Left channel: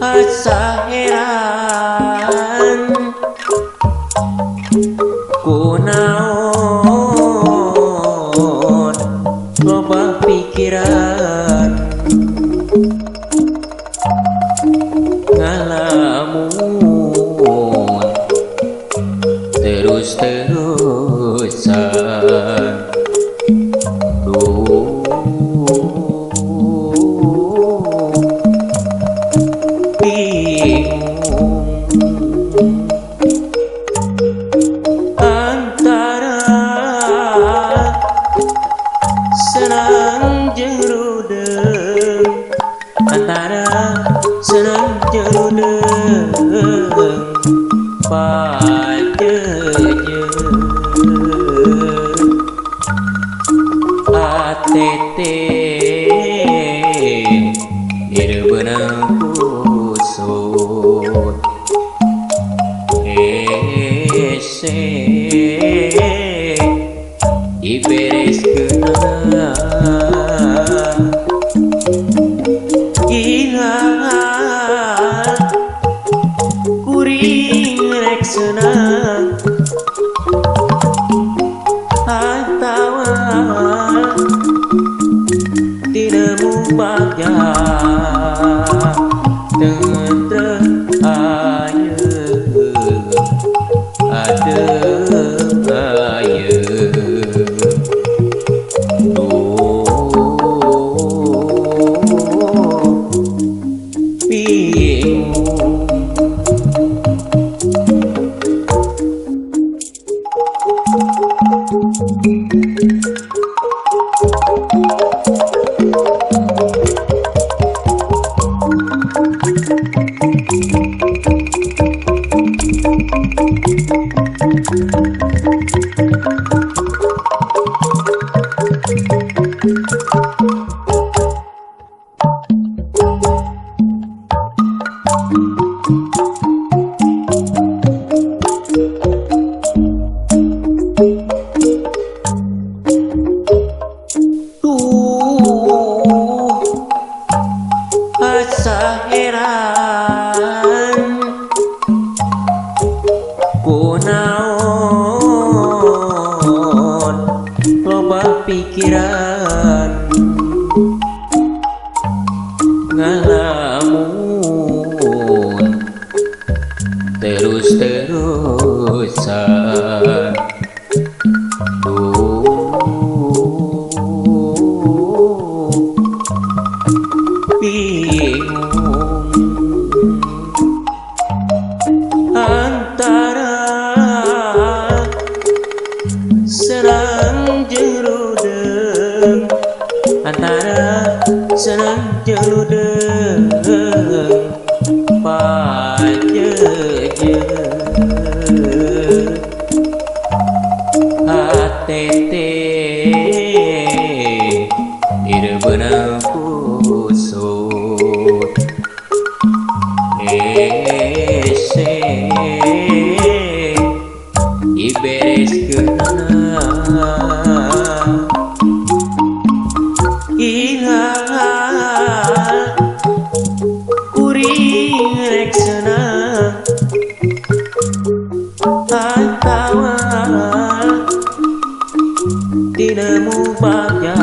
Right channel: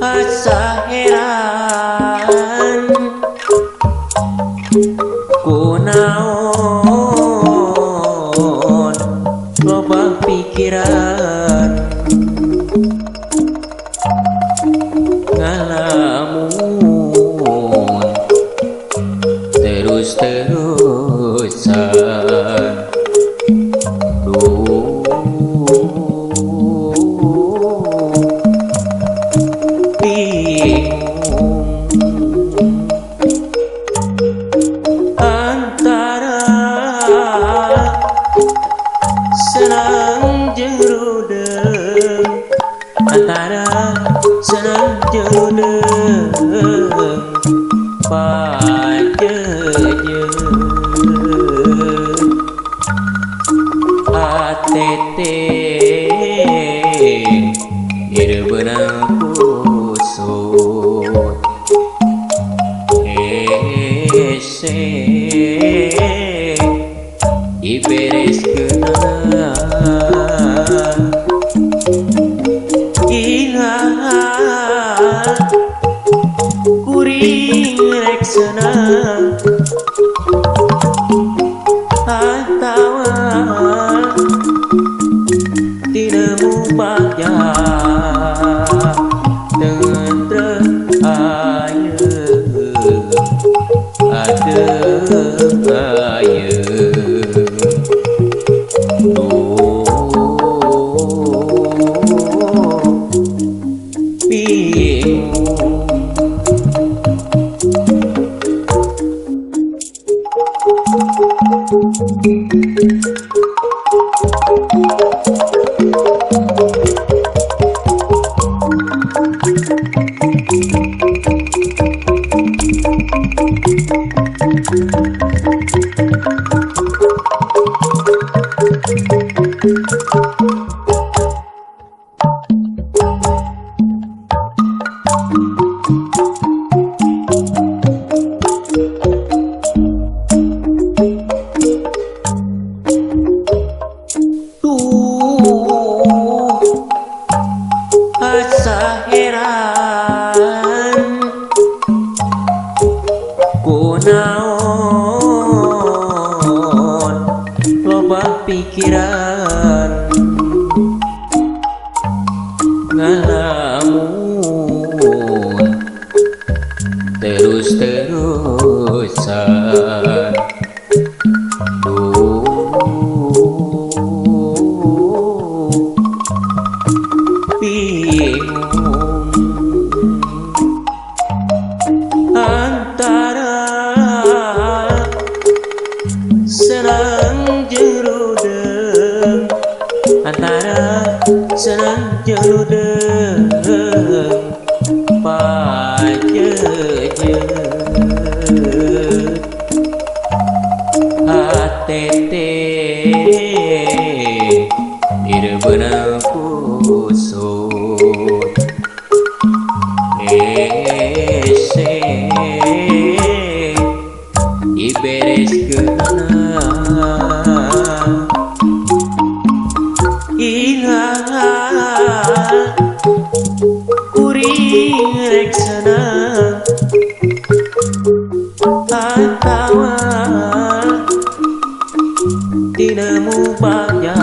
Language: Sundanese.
Asa heran ku naon loba pikiran ngalamun terus-terusan duh bingung antara senang jeung rudeng, antara senang jeung rudeng pajejeut ATT ireubeuna kusut hese dibereskeunna ilah kuring rek senang atawa tinemu bagja tentrem ayeuna adem ayeuna bingung asa heran ku naon loba pikiran ngalamun terus-terusan duh bingung antara senang jeung rudeng, antara senang jeung rudeng pajejeut ATT ireubeuna kusut hese dibereskeunna ilah kuring rek senang atawa tinemu bagja